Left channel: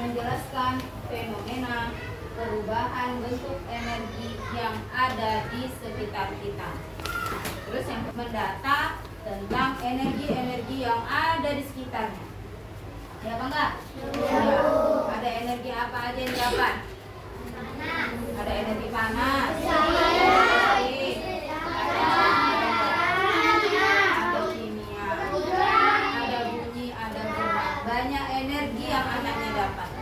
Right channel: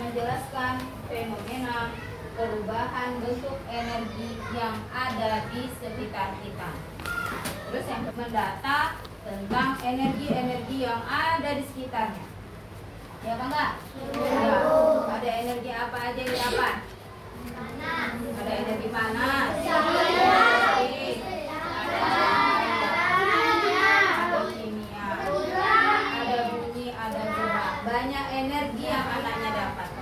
menjelaskan fenomena perubahan bentuk energi yang ada di sekitar kita. Terus yang mendata tentang energi-energi yang ada di sekitarnya. Ya apa enggak? Ya. Ada energi apa aja yang dapat? Ada energi panas, ada kimia, ada bunyi, ada gerak. Banyak energi yang anaknya dapat.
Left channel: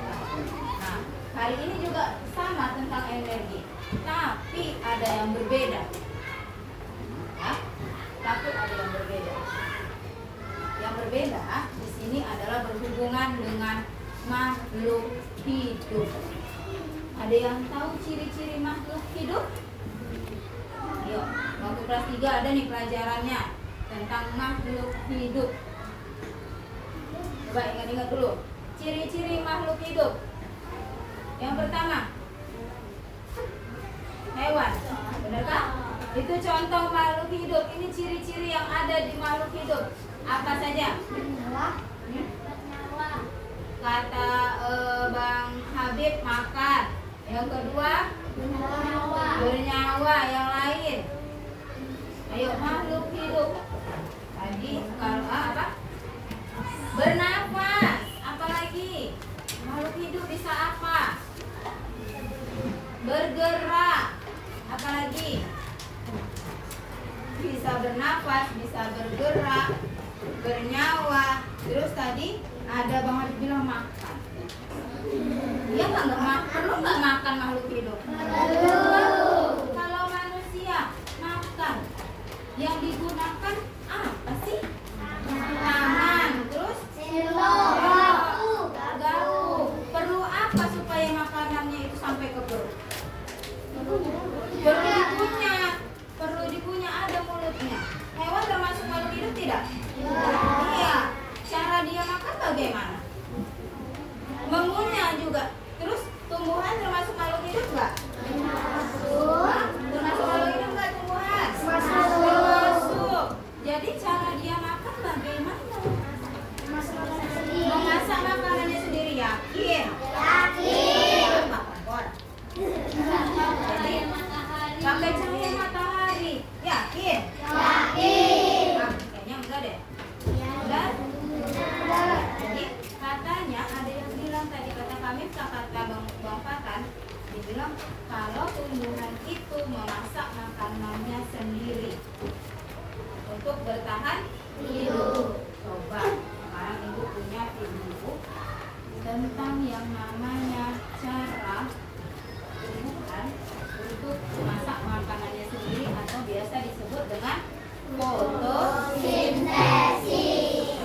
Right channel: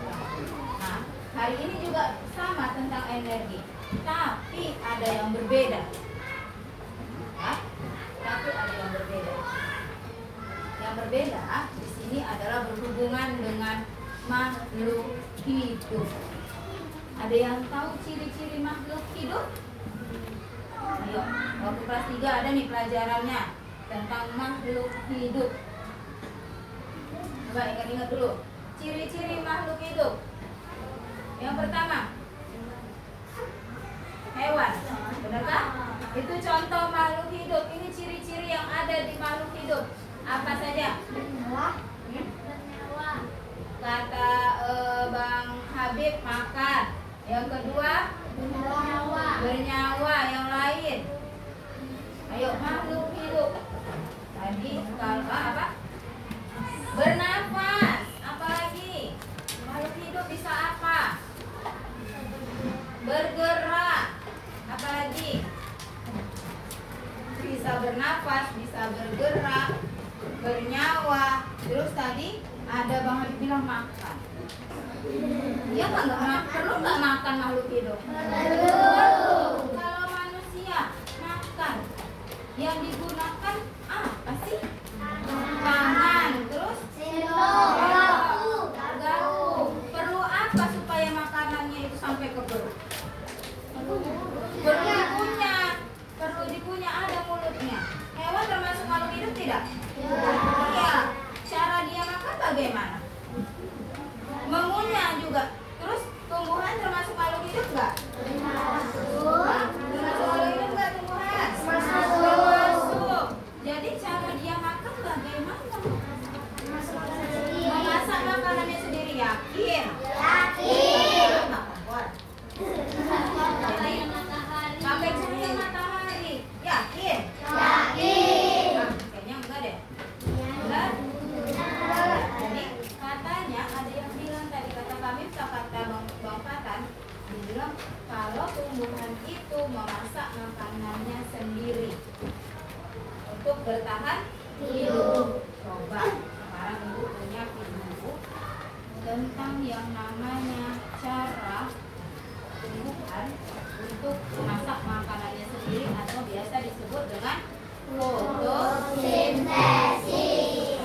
Nah, hari ini juga sama tentang energi, tapi ada yang berbeda. Ya, tapi ada yang berbeda. Yang berbeda di sini adalah berhubungan dengan makhluk hidup. Ada yang tahu ciri-ciri makhluk hidup? Ayo, waktu kelas 3 ada nih pelajarannya tentang makhluk hidup. Coba ingat-ingat dulu. Ciri-ciri makhluk hidup. Yang pertama, hewan. Benarkah? Itu contoh makhluk hidup. Ini ciri-ciri yang ada di makhluk hidup. Apa saja? Kata Bang Habib, makan. Yang kedua, bernyawa. Yang lain, ayo, makhluk hidup. Tadi kalau apa? Bernafas. Apalagi makhluk hidup bisa apa? Bergerak. Apalagi bisa bernafas, bisa bergerak, bernyawa. Terus tadi ada Bang Habib bilang makan. Dia nggak makan, perlu nggak makan makhluk hidup? Perlu. Kalau manusia makan, yang digunakan apa sih? Tangan, terus garpu. Perlu apa supaya makanannya itu sampai ke perut? Perlu dikunyah, ada mulutnya. Hewan termasuk makhluk hidup tidak? Iya. Cara dia makan bagaimana? Mengunyah juga. Terus tumbuhan termasuk makhluk hidup nggak? Termasuk makhluk hidup nggak tumbuhan? Termasuk. Jadi cara dia makan bagaimana? Memasak makanannya sendiri, yakin? Yakin. Jadi pakai cahaya matahari, yakin? Yakin. Kayaknya enggak deh. Enggak. Jadi katanya ada yang bilang tadi, kata kami, kata Bang Patan, dibilang kalau tumbuhan itu memasak makanannya sendiri untuk bertahan hidup. Coba sekarang ibu punya video tentang yang namanya cara tumbuhan untuk memasak makanannya sendiri atau biasa disebut dengan fotosintesis.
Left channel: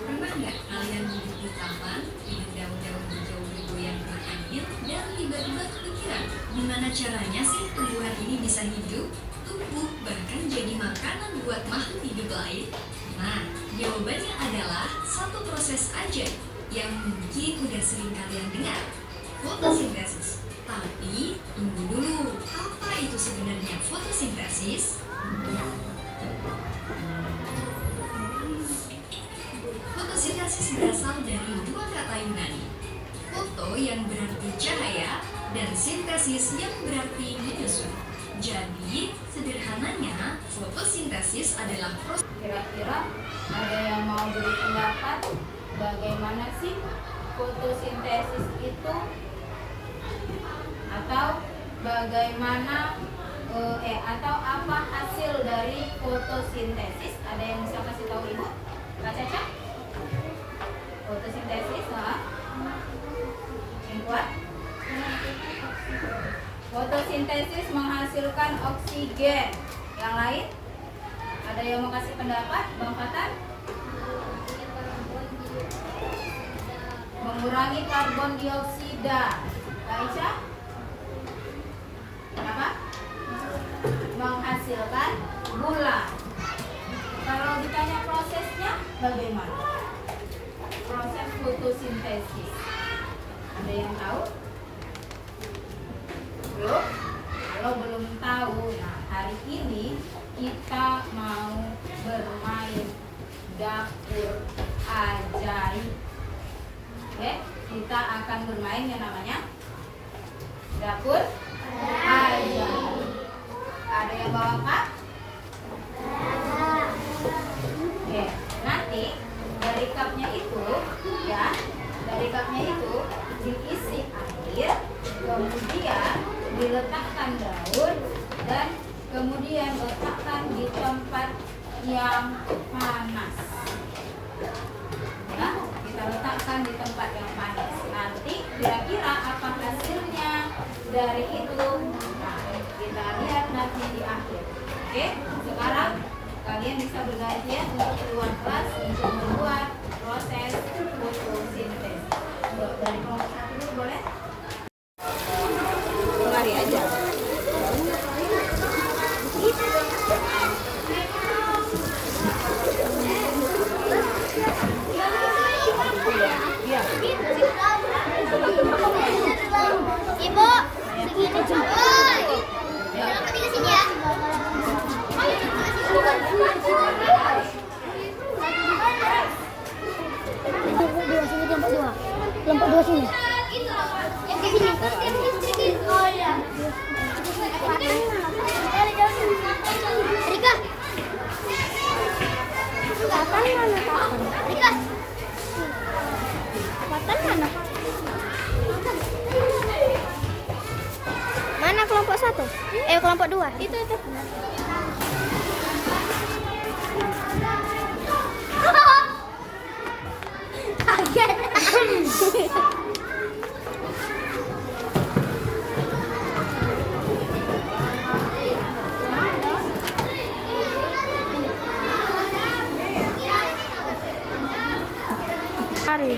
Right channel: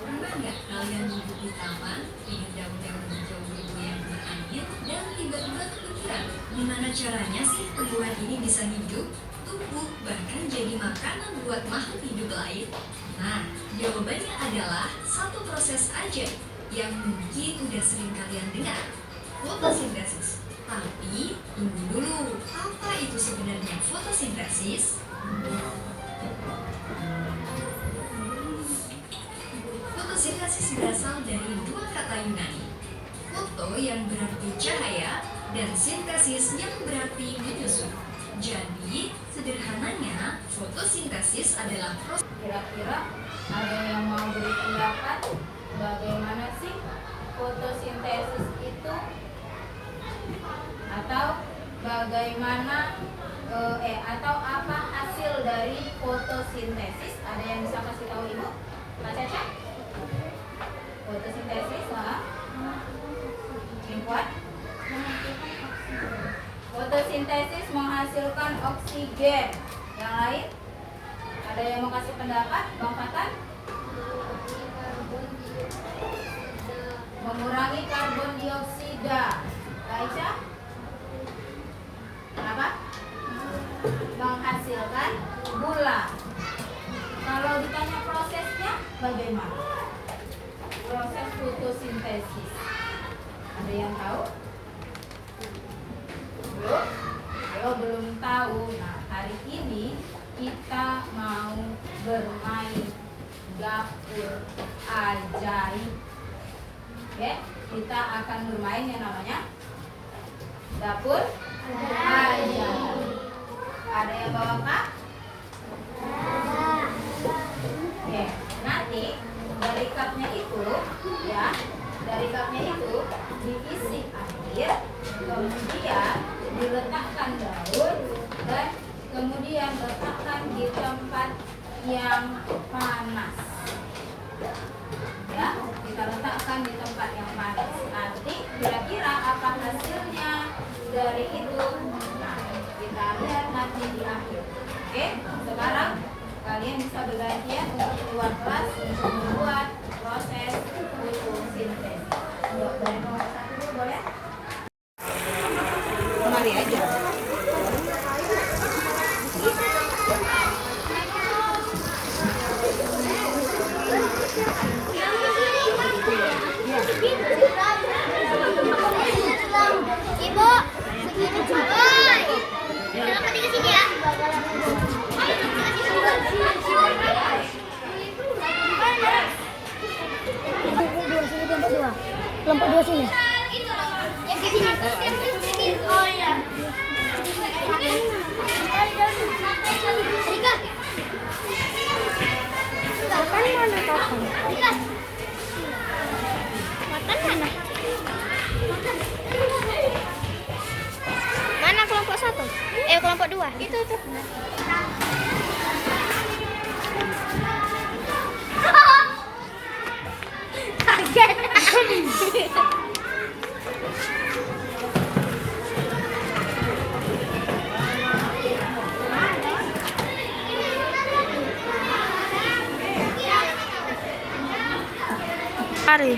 Pernah nggak kalian duduk di taman, hidup daun-daun hijau bergoyang berangin, dan tiba-tiba kepikiran gimana caranya sih tumbuhan ini bisa hidup, tumbuh, bahkan jadi makanan buat makhluk hidup lain? Nah, jawabannya adalah satu proses aja yang mungkin udah sering kalian dengar, fotosintesis. Tapi tunggu dulu, apa itu sebenarnya fotosintesis? Fotosintesis berasal dari dua kata Yunani, foto yang berarti cahaya dan sintesis yang berarti menyusun. Jadi, sederhananya, fotosintesis adalah proses. Kira-kira ada yang mau beri pendapat bagaimana sih fotosintesis itu? Atau bagaimana atau apa hasil dari fotosintesis? Ada yang bisa kasih tahu Ibu? Kak Caca? Fotosintesis, Kuat? Fotosintesis menghasilkan oksigen. Yang lain? Ada yang mau kasih pendapat? Bang Fatan? Mengurangi karbon dioksida. Aisyah? Apa? Menghasilkan gula. Kalau ditanya prosesnya bagaimana? Proses fotosintesis. Ada yang tahu? Belum? Kalau belum tahu, nah hari ini kita mau bermain dapur ajaib. Oke, kita akan bermain yang namanya dapur ajaib. Ada yang bawa kak? Oke, nanti dari cupnya itu ya, dari cupnya itu diisi air, kemudian diletakkan daun dan kemudian letakkan di tempat yang panas. Ya, kita letakkan di tempat yang panas. Nanti kira-kira apa hasilnya dari itu? Nah, kita lihat nanti di akhir. Oke, sekarang kalian bisa bergantian untuk keluar kelas untuk membuat proses fotosintesis. Dari kelompok 1 dulu boleh? Mari aja. Ibu, segini cepat. Kenapa tiga sini ya? Kelompok dua sini. Oh iya. Rika. Kapan mana kapan? Rika. Kapan mana? Mana kelompok 1? Kelompok 2. Itu. Kaget. Mari.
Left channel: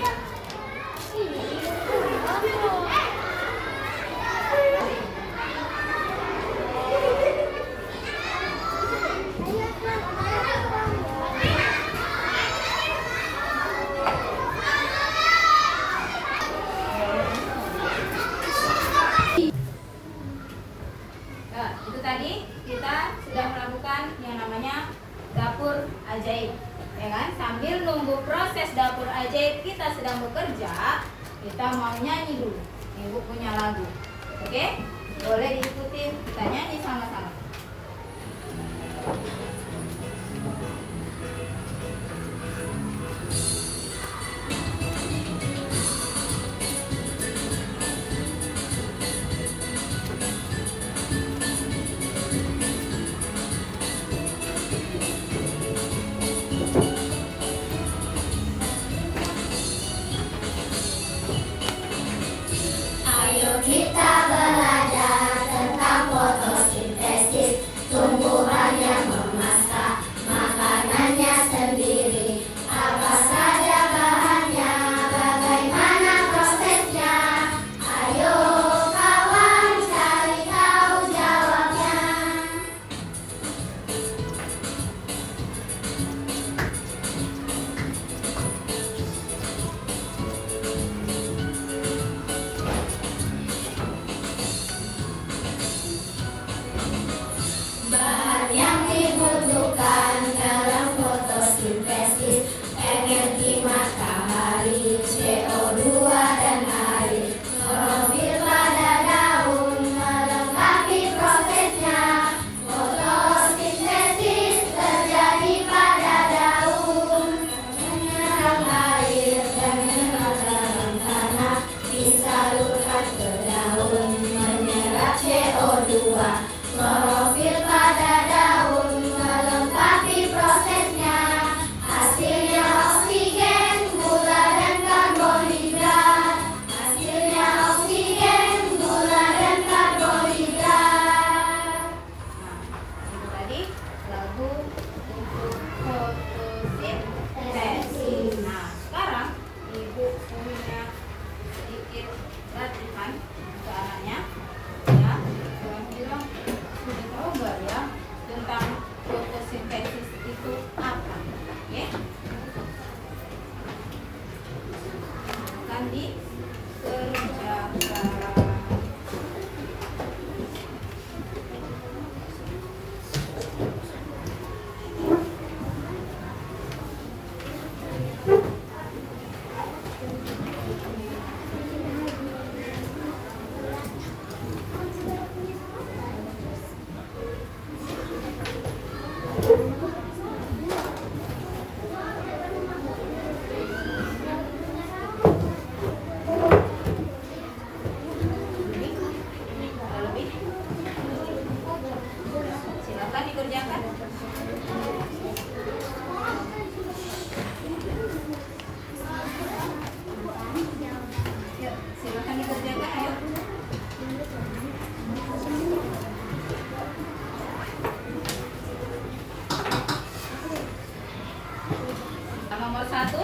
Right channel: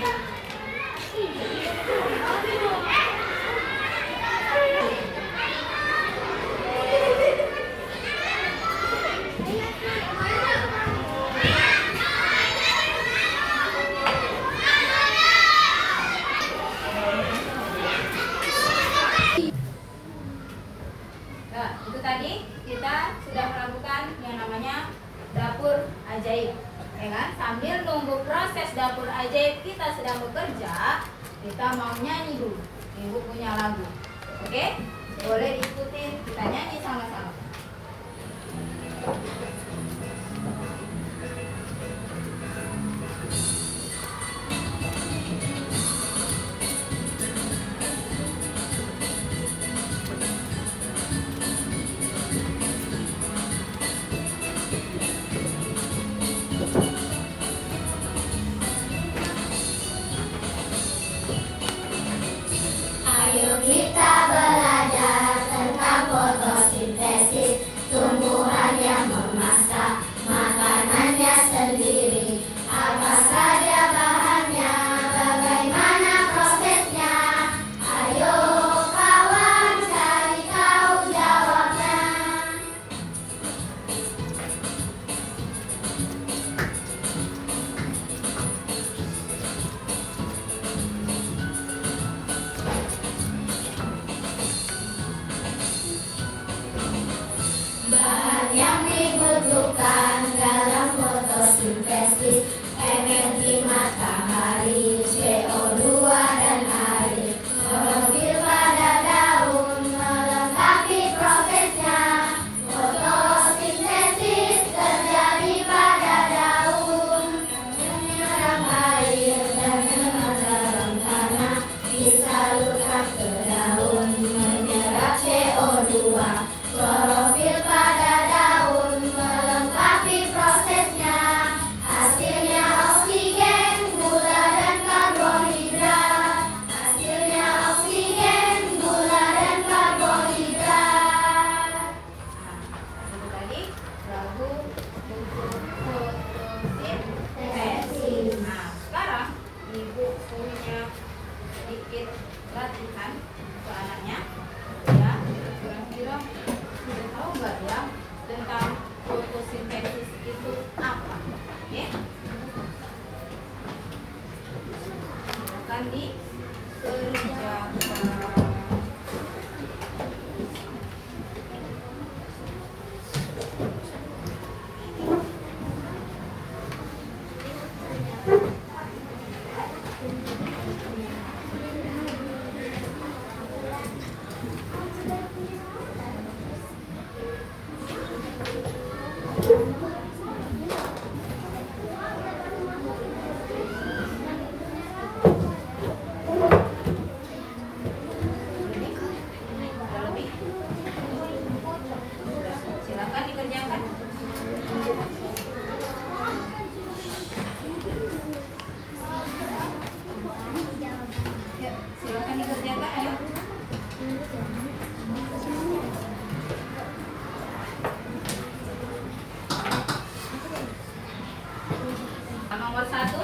Nah, itu tadi kita sudah melakukan yang namanya dapur ajaib, ya kan? Sambil nunggu proses dapur ajaib kita sedang bekerja, kita mau nyanyi dulu. Ibu punya lagu, oke? Boleh diikuti, kita nyanyi sama-sama. Ayo kita belajar tentang fotosintesis, tumbuhan yang memasak makanannya sendiri. Apa saja bahannya, bagaimana prosesnya? Ayo kawan cari tahu jawabnya. Bahan yang dibutuhkan dalam fotosintesis: energi matahari, CO2 dan air. Klorofil pada daun melengkapi prosesnya. Fotosintesis terjadi pada daun, menyerap air dan mineral dalam tanah, disalurkan ke daun, menyerap CO2. Klorofil pada daun melengkapi prosesnya. Hasilnya oksigen, gula dan karbohidrat. Hasilnya oksigen, gula dan karbohidrat. Nah, itu tadi lagu untuk fotosintesis. Nah, sekarang ibu punya sedikit latihan untuk anaknya. Ya, kira-kira sudah tahu nggak ya tentang fotosintesis itu apa? Oke? Akan dikerjakan.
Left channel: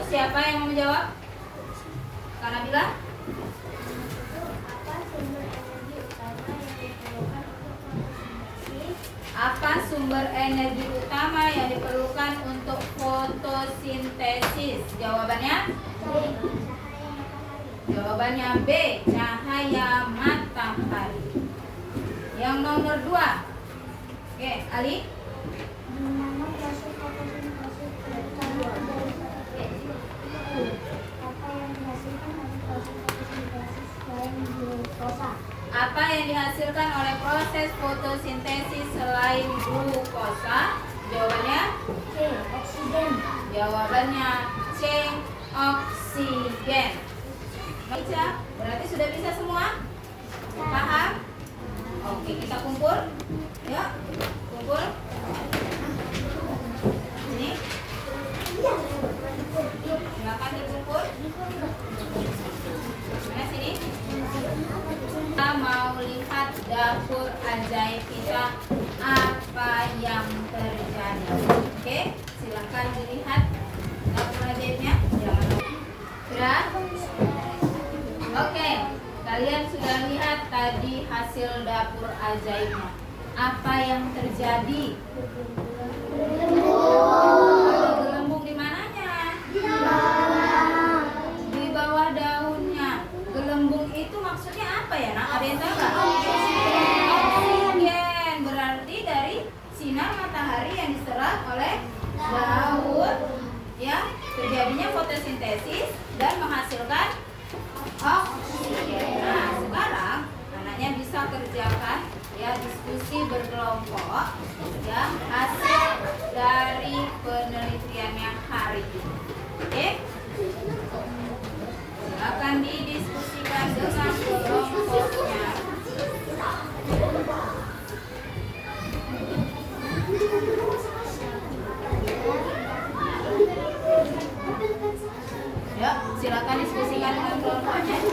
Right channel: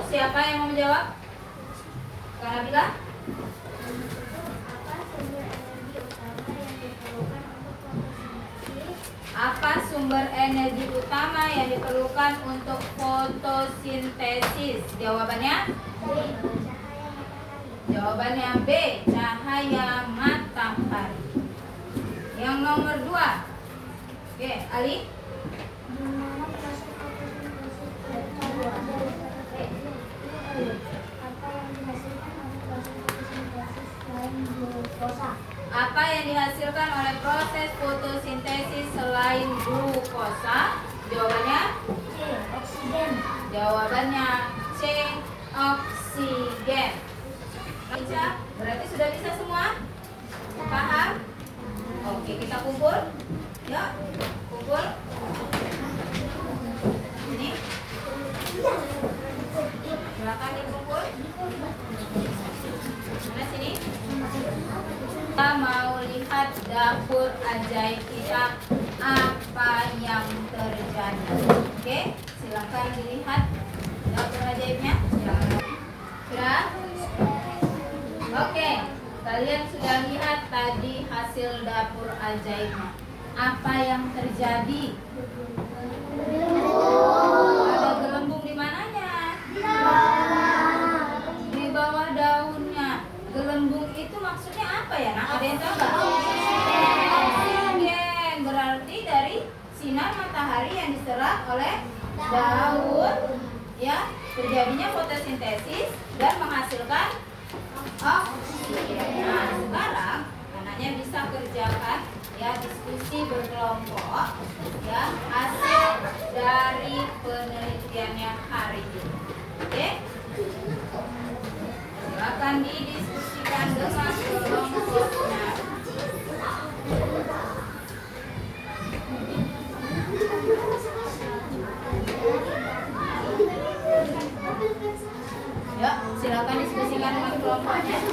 siapa yang mau menjawab? Kak Nabila? Apa sumber energi utama yang diperlukan untuk Apa sumber energi utama yang diperlukan untuk fotosintesis? fotosintesis? Jawabannya? Jawabannya B, cahaya matahari. Yang nomor 2. Oke, Ali. Di mana proses fotosintesis terjadi? Apa yang dihasilkan oleh proses fotosintesis selain glukosa? Apa yang dihasilkan oleh proses fotosintesis selain glukosa? Jawabannya? C. Oksigen. Jawabannya C, oksigen. Baca, berarti sudah bisa semua? Paham? Oke, kita kumpul. Ya, kumpul. Ini. Silakan dikumpul. Mana sini? Kita mau lihat dapur ajaib kita, apa yang terjadi. Oke, silakan dilihat dapur ajaibnya. Sudah? Oke, kalian sudah lihat tadi hasil dapur ajaibnya. Apa yang terjadi? Ada gelembung di mananya? Di bawah daunnya. Gelembung itu maksudnya apa ya? Nah, ada yang tahu nggak? Oksigen. Berarti dari sinar matahari yang diserap oleh daun, ya, terjadinya fotosintesis dan menghasilkan oksigen. Nah, sekarang anaknya bisa kerjakan ya diskusi berkelompok ya hasil dari penelitiannya hari ini. Oke? Silakan didiskusikan dengan kelompoknya. Yuk, silakan diskusikan dengan kelompoknya. Ya.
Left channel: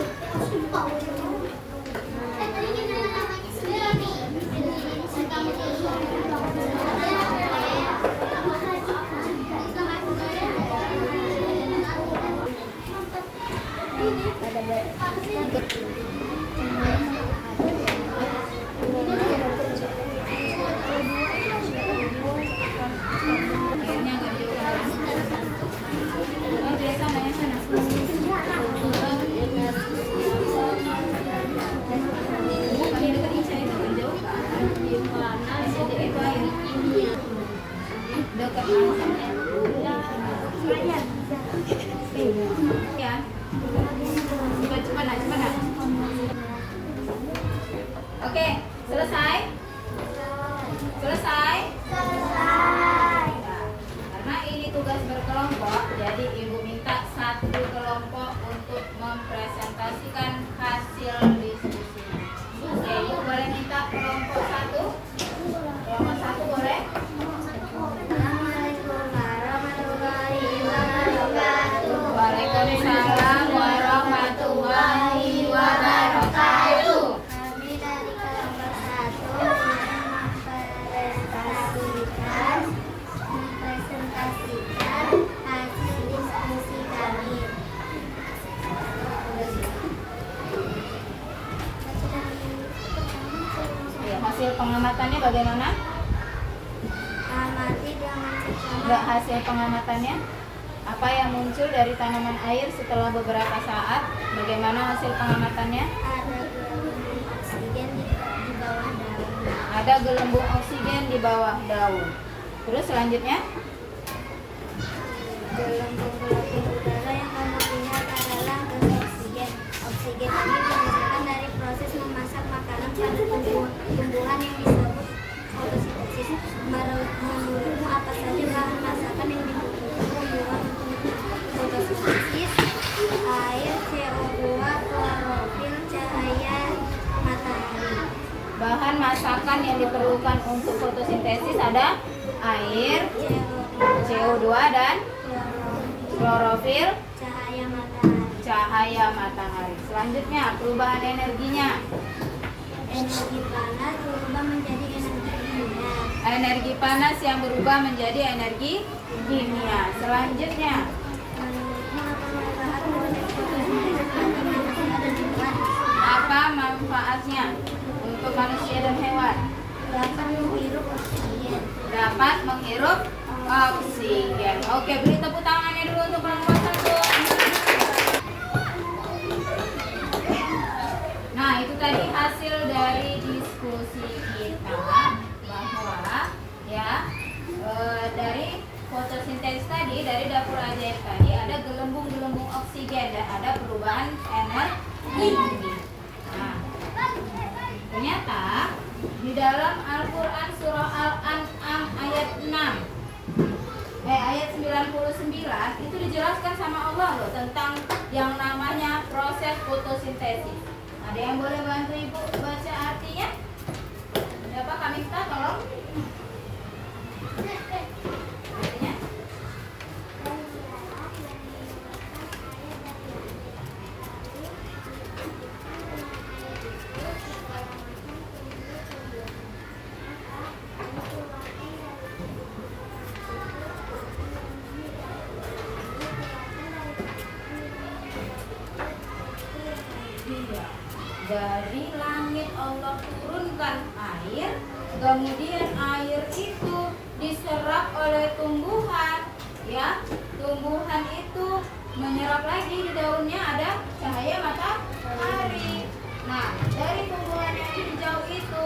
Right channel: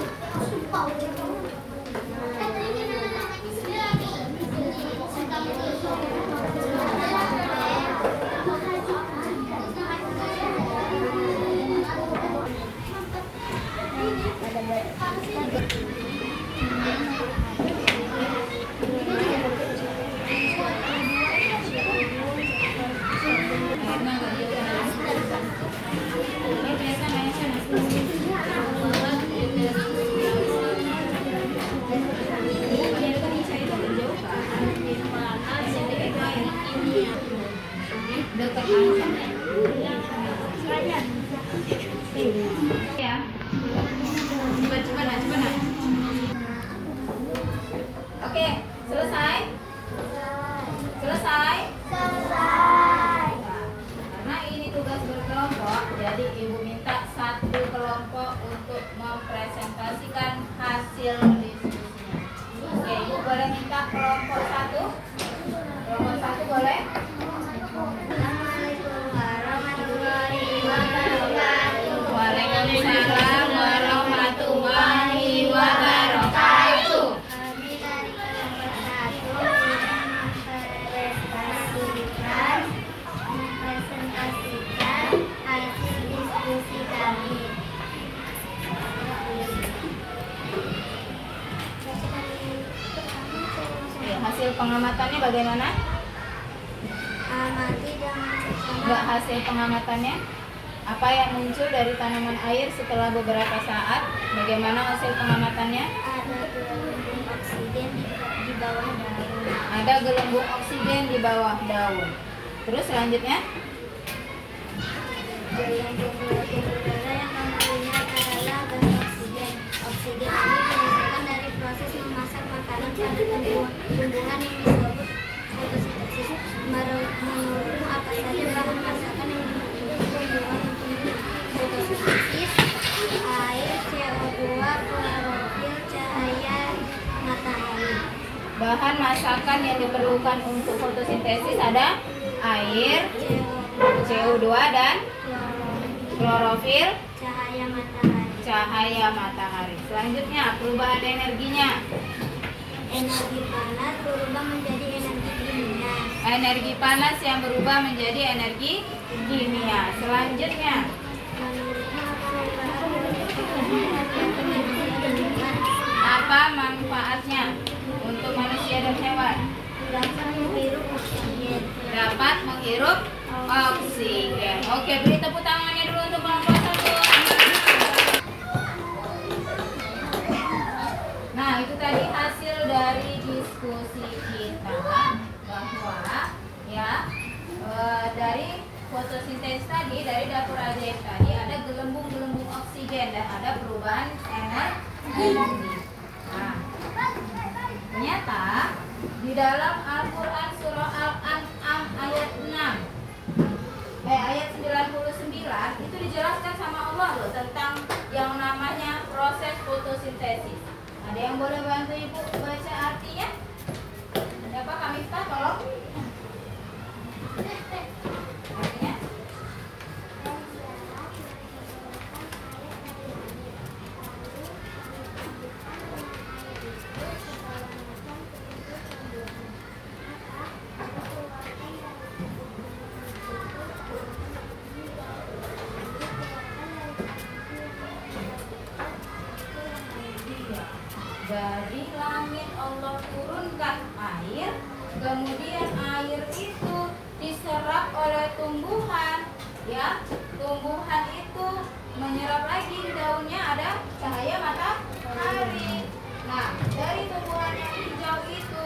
Coba. Oke, selesai? Selesai? Karena ini tugas berkelompok, jadi Ibu minta satu kelompok untuk mempresentasikan hasil diskusinya. Oke, Ibu boleh minta kelompok satu? Kelompok satu boleh? Waalaikumsalam warahmatullahi wabarakatuh. Kami dari kelompok 1 mempresentasikan hasil diskusi kami. Ya, hasil pengamatannya bagaimana? Amati dengan Enggak, hasil pengamatannya apa yang muncul dari tanaman air setelah beberapa saat? Bagaimana hasil pengamatannya? ada gelembung oksigen di bawah daun. Ada gelembung oksigen di bawah daun. Terus selanjutnya? Gelembung-gelembung udara yang kami lihat adalah gas oksigen. Oksigen ini dihasilkan dari proses memasak makanan pada tumbuhan yang disebut fotosintesis. Menurutmu apa saja bahan masakan yang dibutuhkan tumbuhan untuk fotosintesis? Air, CO2, klorofil, cahaya matahari. Bahan masakan yang diperlukan untuk fotosintesis ada air, CO2 dan klorofil, cahaya matahari. Selanjutnya perubahan energinya. Energi panas berubah menjadi energi kimia. Energi panas yang berubah menjadi energi kimia. Selanjutnya Menurutmu manfaatnya untuk manusia dan hewan? Dapat menghirup oksigen. Dapat menghirup oksigen. Oke, beri tepuk tangannya dulu untuk kelompok 1. Nah, itu tadi hasil dari diskusi kita bahwa ya dari fotosintesis tadi, dari dapur ajaib tadi ada gelembung-gelembung oksigen dan ada perubahan energi. Nah, ternyata di dalam Al-Quran surah Al-An'am ayat 99 itu dijelaskan sama Allah loh tentang yang namanya proses fotosintesis. Ada yang boleh bantu Ibu baca artinya? Siapa? Kak Miftah, tolong. Artinya? Dari langit Allah turunkan air, kemudian air itu diserap oleh tumbuhan, ya. Tumbuhan itu menyerap lagi, di daunnya ada cahaya matahari. Nah, dari tumbuhan yang hijau itu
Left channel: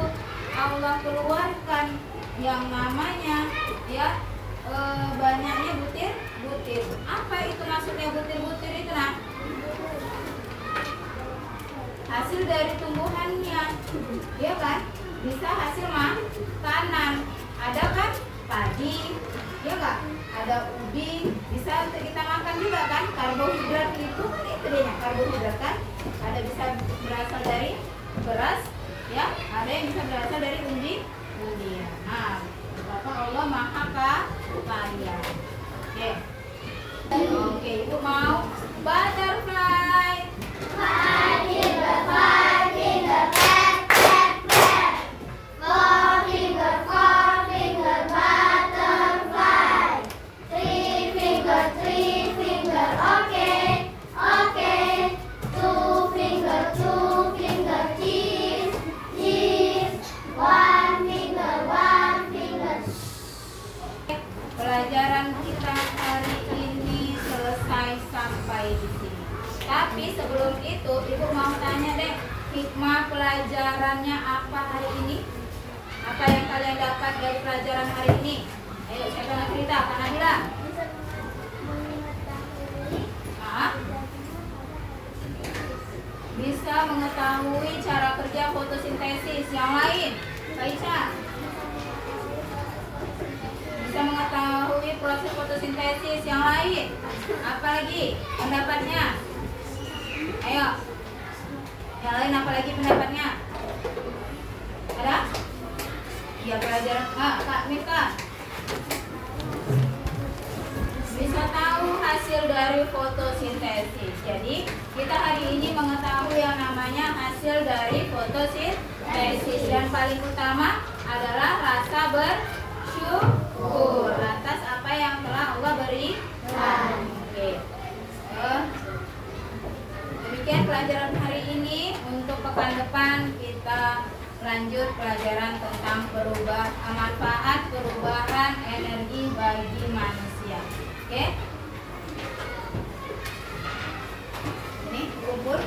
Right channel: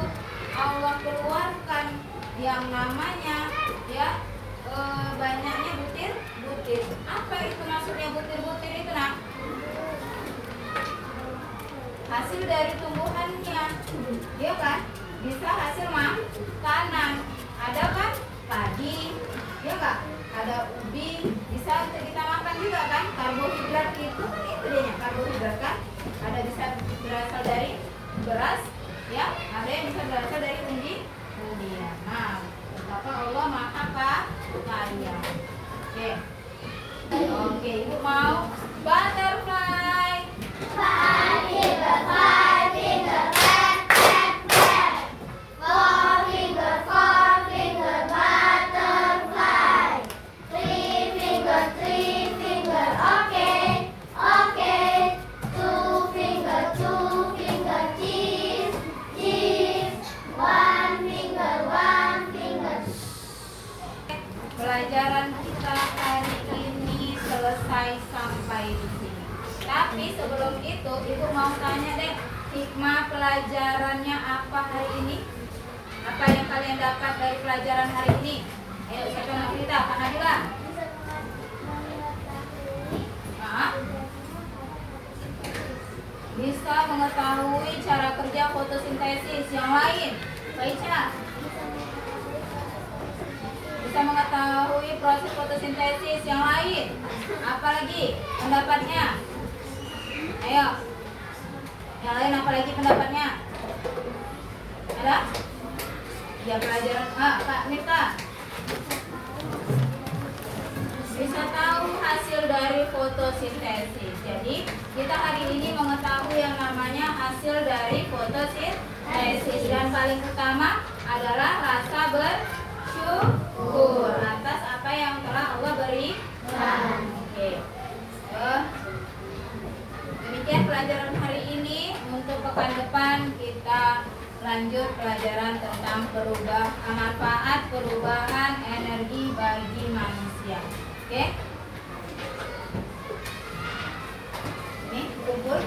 Allah keluarkan yang namanya ya banyaknya butir-butir. Apa itu maksudnya butir-butir itu, Nak? Hasil dari tumbuhannya, ya kan? Bisa hasil makanan. Ada kan padi, ya kan? Ada ubi, bisa kita makan juga kan? Karbohidrat itu dia karbohidrat kan? Ada bisa berasal dari beras, ya? Ada yang bisa berasal dari umbi-umbian. Nah, betapa Allah Maha Kaya. Oke, Ibu mau butterfly. Pelajaran kita hari ini selesai sampai di sini. Tapi sebelum itu, Ibu mau tanya deh, hikmah pelajarannya apa hari ini? Apa yang kalian dapat dari pelajaran hari ini? Ayo, siapa yang cerita? Kak Nabila? Bisa mengetahui cara kerja fotosintesis. Yang lain? Kak Ica? Bisa mengetahui proses fotosintesis. Yang lain? Apalagi pendapatnya? Ayo. Yang lain apalagi pendapatnya? Ada? Ya pelajaran Kak Mita. Bisa tahu hasil dari fotosintesis. Jadi kita hari ini mengetahui yang namanya hasil dari fotosintesis. Dan paling utama adalah rasa bersyukur atas apa yang telah Allah berikan. Oke. Demikian pelajaran hari ini. Untuk pekan depan kita lanjut pelajaran tentang manfaat perubahan energi bagi manusia. Oke? Ini kumpul.